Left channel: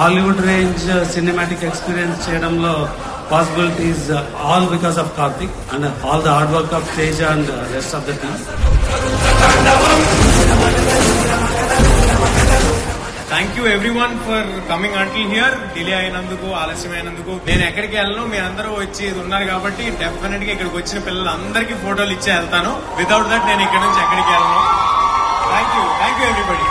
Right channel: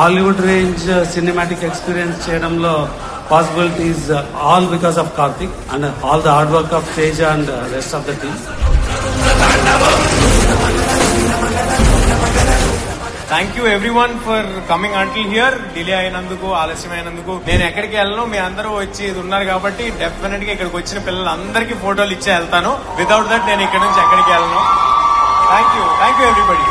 Hollywood range cinematic experience చేయడంలో possibilities all because of Karthik and all the hard work of Teja and rest of the team. Thank you everyone for coming until here. Delay అయినందుకు, ఆలస్యమైనందుకు. నేను ఎక్కడికి వెళ్ళను, మీ అందరూ వచ్చి ఉన్నారు కాబట్టి డెఫినెట్ గా ఇక్కడికి వచ్చిన పిల్లలందరికీ ఫోటోలు ఇచ్చే వెళ్తాను. వితౌట్ దట్ నేను ఇక్కడ నుంచి ఎక్కడికి వెళ్ళను. Thank you everybody.